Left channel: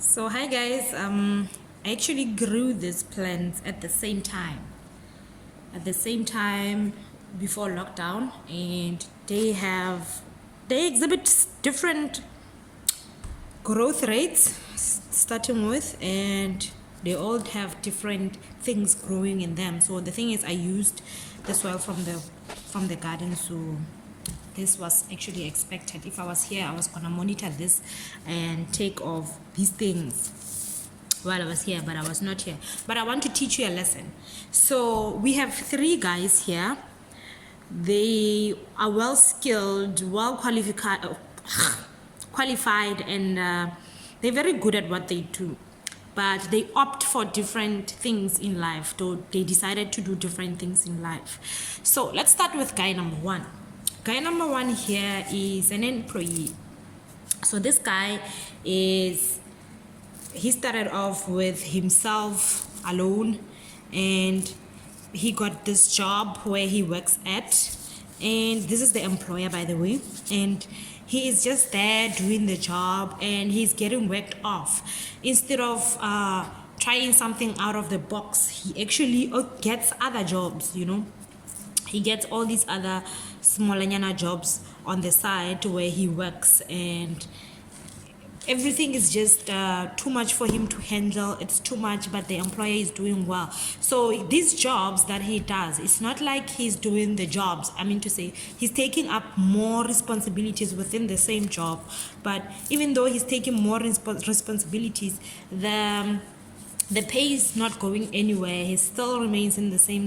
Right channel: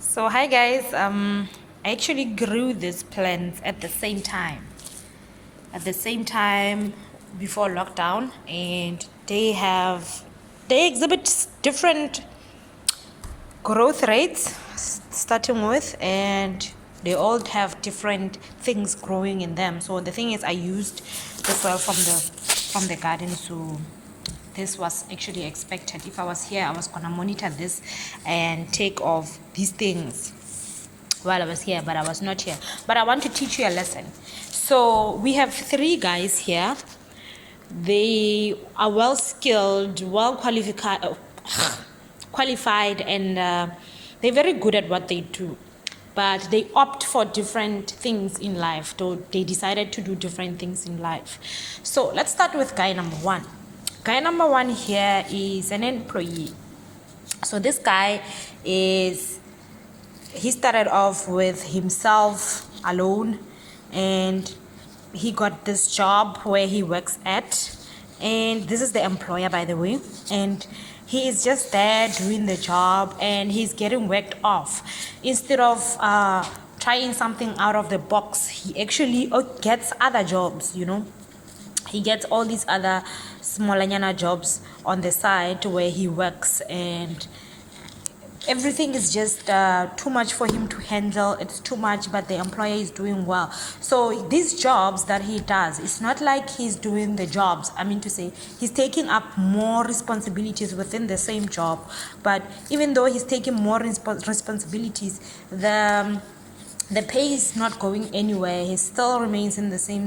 So hi guys, I actually grew these plants at the same time. Before lockdown, and they exhibit different growth rates starting with, and they all have different things growing in them. So the thing is, I used the soil from the garden, so this was actually expected. If I was here, I was gonna monitor this and take off these things while I was here, but I was not here. But I want to teach you a lesson. So we have three guys here. They are well skilled, well qualified, and they're very good at what they do. But they opt for different things in life. They decided to do different things in life. So let's start with guy number one. Guy number one here is an employee. So this guy he started off with himself alone, and he got this job where he works at, and this is the employer, by the way, and he is just there doing the job, and he's getting worked off. Instead of trying something out of the box, he actually gets other jobs. He gets all these other small jobs on the side where he works, and everything is just too much for him to handle. It's too much, but the employer is doing well. So these jobs that he does, it's not like he's doing the jobs. I mean to say, he's taking up more responsibilities within the same job. But even though he's taking more responsibilities, the pay is not going anywhere. He still remains in the same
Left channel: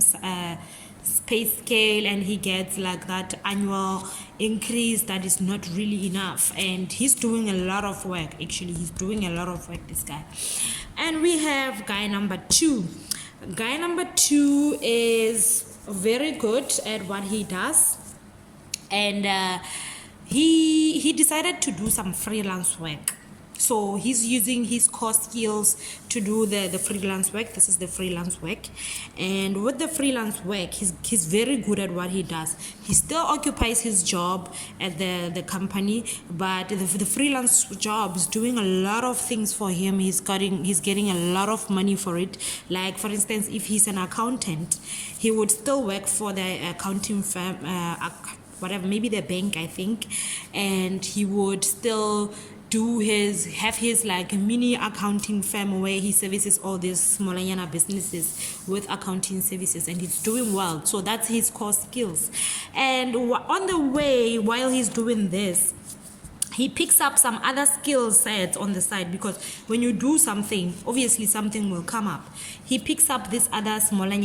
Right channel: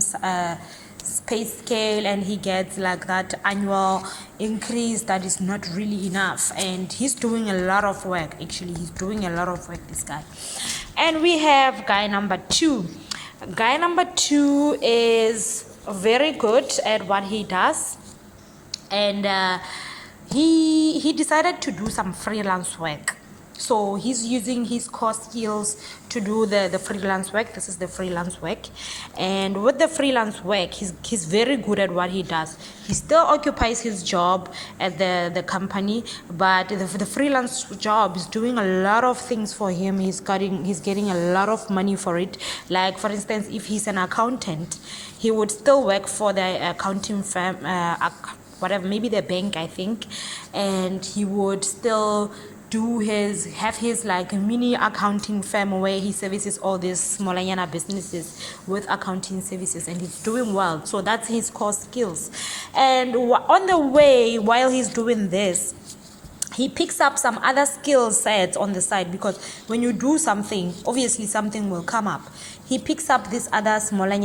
pay scale, and he gets like that annual increase that is not really enough, and he's doing a lot of work. Actually, he's doing a lot of work, this guy. And we have guy number two. Guy number two is very good at what he does, and he decided to do some freelance work. So he's using his core skills to do the freelance work. This is the freelance work. And with the freelance work, he's very good at what he does. He still occupies his job at the company, but the freelance job is doing a lot of things for him. He's getting a lot of money for it. Like, for instance, if he's an accountant, he would still work for the accounting firm, whatever, maybe the bank, I think, and he would still have his like mini accounting firm where he services all these smaller businesses with accounting services, and he's doing well. So that's his core skills. And on the way, while he's doing this, he picks up some other skill sets on the side, because when you do something, obviously something will come up. He picks up this other smaller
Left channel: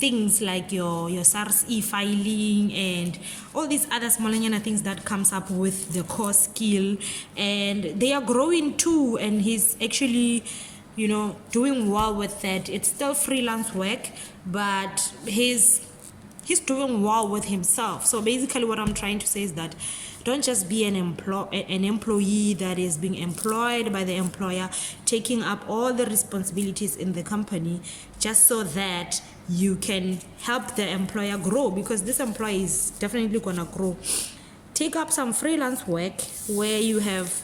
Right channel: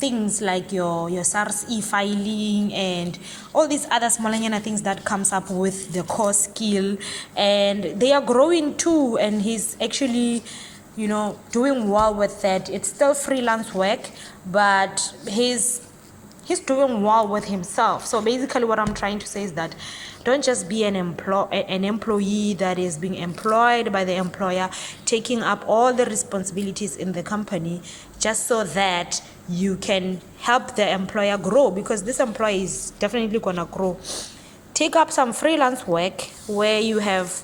things like your SARS e-filing and all these other smaller things that comes up with the core skill, and they are growing too, and he's actually doing well with that. It's still freelance work, but he's doing well with himself. So basically what I'm trying to say is that don't just be an employee that is being employed by the employer, taking up all the responsibilities in the company just so that you can help the employer grow, because this employee is definitely going to grow. Take up some freelance work where you have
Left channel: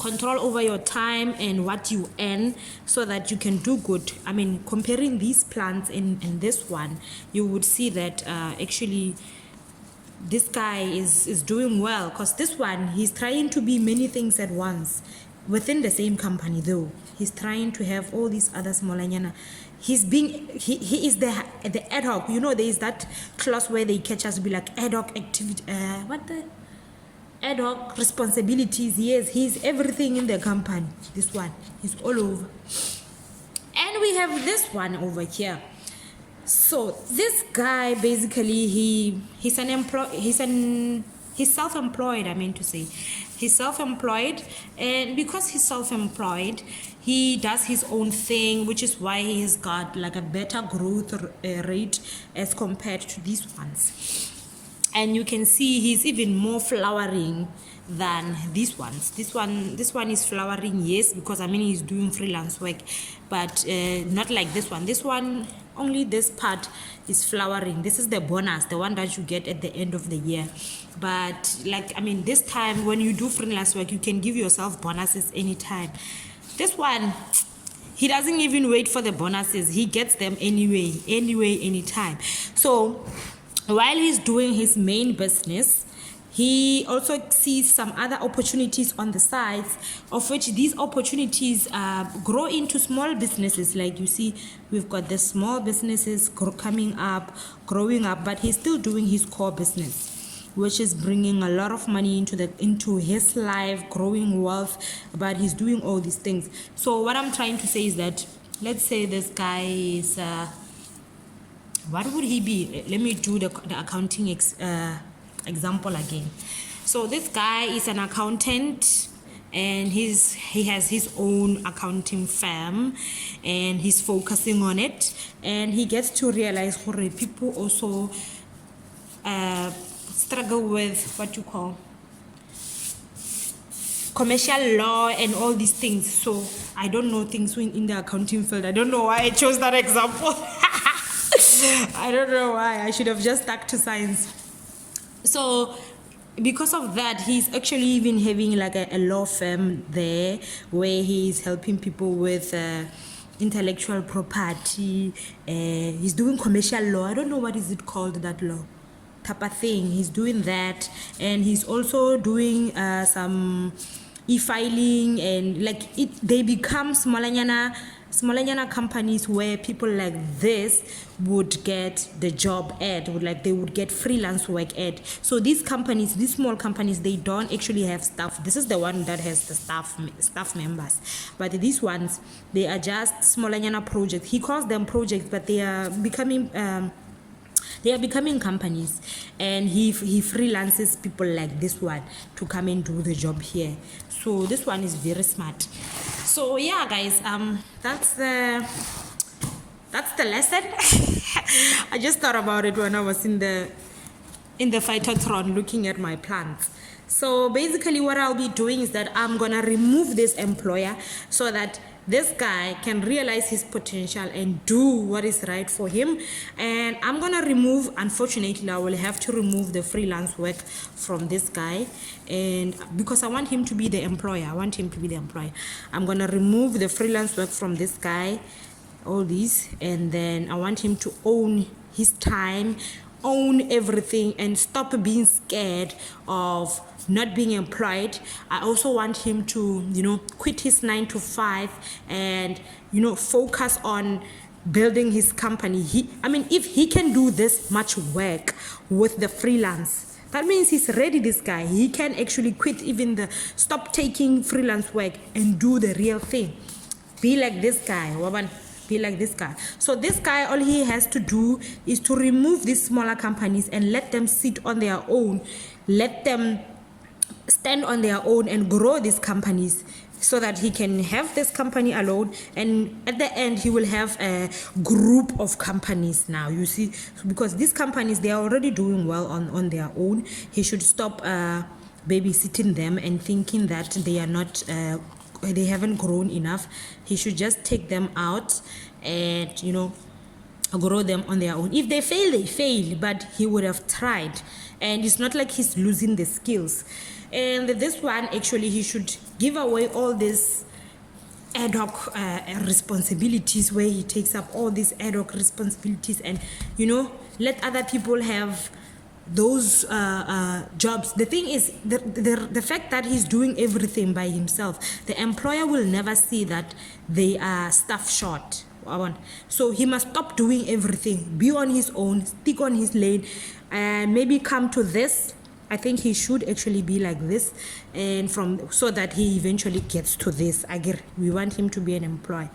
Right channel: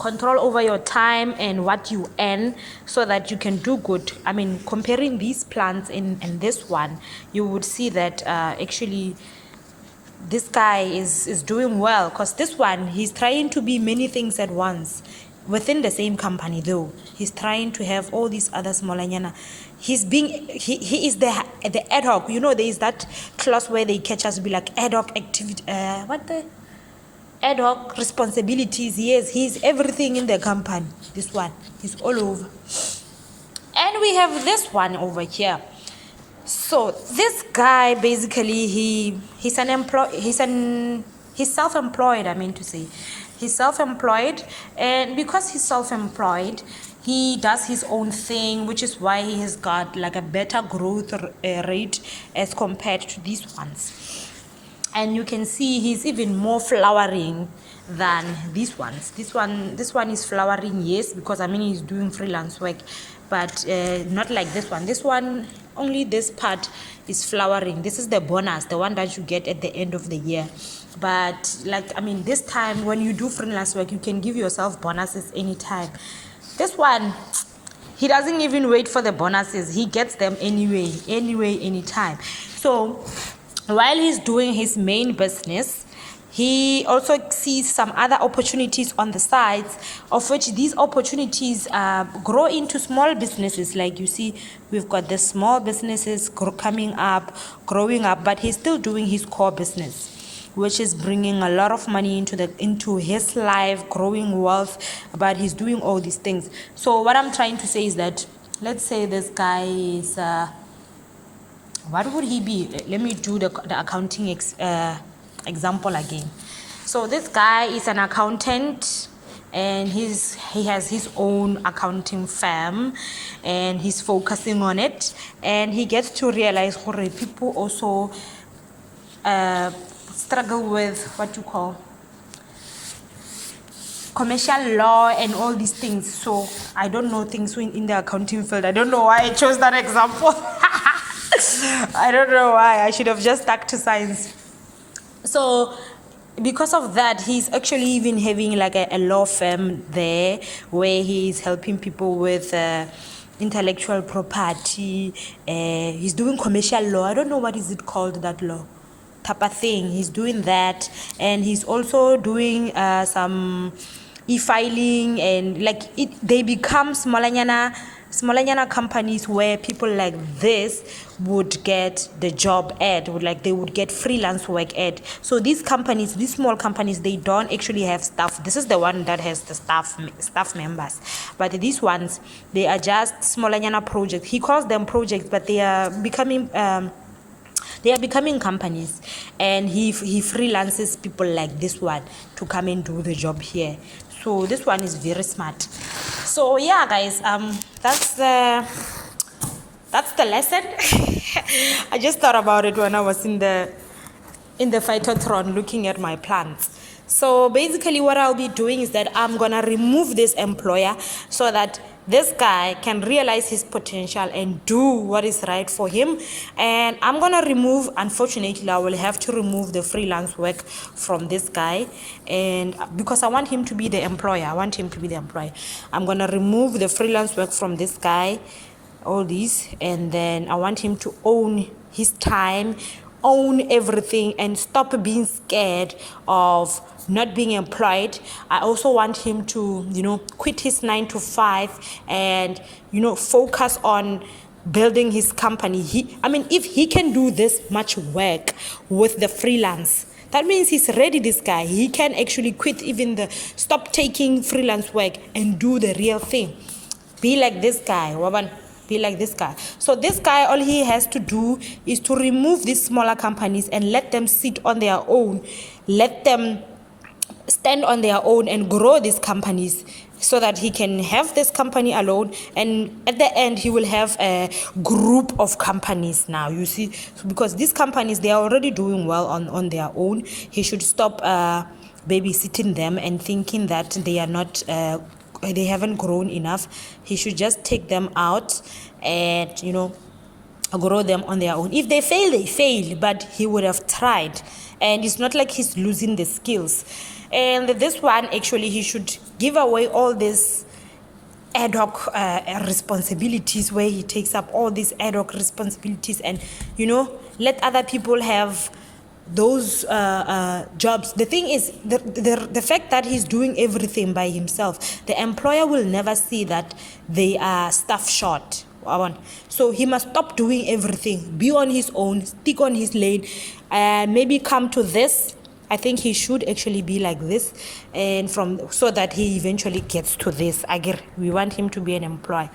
control over your time and what you earn, so that you can do good. I mean, comparing these plants and this one, you would see that actually this guy is doing well, because this one, he's trying to be many things at once within the same company. Though he's trying to have all these other smaller he is the ad hoc. There is that clause where they catch us be like ad hoc activity, ad hoc responsibilities. Yes, he's everything in the company. This one, he's all over. And we have this one over here. So this guy, basically, he's self-employed. I mean to say, he's self-employed, and because he's self-employed, he does his own thing, which is why he has got like a better growth rate as compared to these ones. And you can see he's even more flowering than these ones. This one is flowering, yes, because he's doing freelance work. but not like this one. This one, only this part is flowering. This is the bonus, the one that you get at the end of the year. But like, I mean, this time when you do freelance work, you can give yourself bonuses anytime. This one, he doesn't even wait for the bonuses. He gets them anyway, anytime. So while he's doing his main business, he also sees some other opportunities on the sides, of which these opportunities grow into small businesses. Like you see, we've got the small businesses growing up, but he's still doing his core business, which is bringing a lot of money into his life, growing wealth, but he's doing all these things. So what I'm trying to say is that, let's say this guy is, what would he be? Let me do the accounting example again. So this guy is an accountant, and he has his own accounting firm, and he's focusing on it, and he gets to realize people also struggle with what you call commercial law and all these things. So I don't know things in the accounting field. I don't know why I chose that example. I don't know why. I should have just stuck to science. So because of that, he's actually even having like a law firm there where he's helping people with intellectual property. He's doing commercial law. I don't know what is it called, that law type of thing. He's doing that, and he's also doing some e-filing, and like they become smallanyana companies where people like this would get the job ad, they would get freelance work ad. So these small companies, they don't actually have staff. This is the one that has the staff members, but these ones, they are just smallanyana projects. He calls them projects, but they are becoming companies, and he freelances people like this one to come and do the job here. So this one is very smart. So yeah, guys, that's the lesson. I just thought about it when I was in the phytotron looking at my plants. So basically what I'll be doing is that I'm gonna remove this employer so that this guy can realize his potential and do what is right for him. And I'm gonna remove, unfortunately, I will have to remove the freelance work from this guy, and because I want him to be the employer, I'm gonna remove the freelance work from this guy, all these, and then I want him to own his time, own everything, and stop being scared of not being employed. I also want him to, quit his 9 to 5 and, focus on building his company. If he can do this much work with the freelance, that means he's ready, this guy. He can actually quit stop taking freelance work and do the real thing. Be like this guy, Waban. Be like this guy. So this guy, all he has to do is to remove these smaller companies and let them sit on their own. Let them stand on their own and grow these companies, so that he can have this company alone, and at the end he will have a group of companies now, you see, because these companies, they are already doing well on their own. He should stop babysitting them and thinking that they are not they haven't grown enough. He should just take them out and grow them on their own. If they fail, they fail, but he would have tried, and it's not like he's losing the skills. And this one, actually, he should give away all these ad hoc responsibilities, where he takes up all these ad hoc responsibilities and, let other people have those jobs. The thing is, the fact that he's doing everything by himself, the employer will never see that they are staff short. So he must stop doing everything, be on his own, stick on his lane, and maybe come to this. I think he should actually be like this, and so that he eventually gets to this. We want him to be an employee.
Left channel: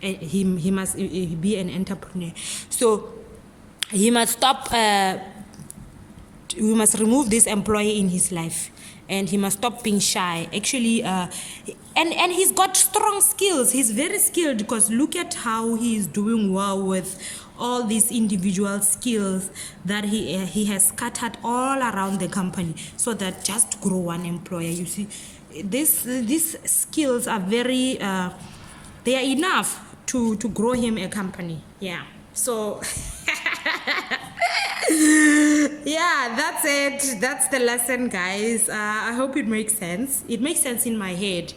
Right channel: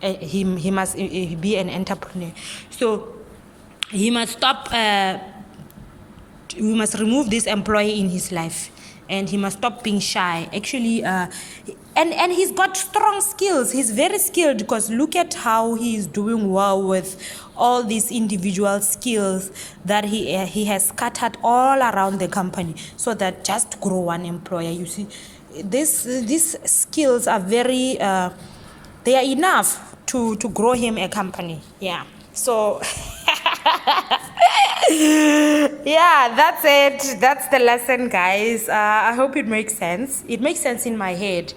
He must be an entrepreneur. So he must stop. We must remove this employee in his life, and he must stop being shy. Actually, and he's got strong skills. He's very skilled, because look at how he is doing well with all these individual skills that he has scattered all around the company, so that just grow one employer. You see, these skills are very they are enough to grow him a company. Yeah. So yeah, that's it. That's the lesson, guys. I hope it makes sense. It makes sense in my head,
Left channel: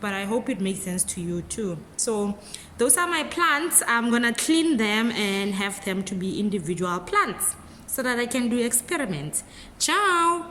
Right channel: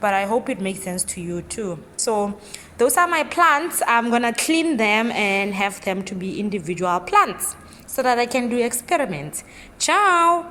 but I hope it makes sense to you too. So those are my plants. I'm gonna clean them and have them to be individual plants so that I can do experiments. Ciao.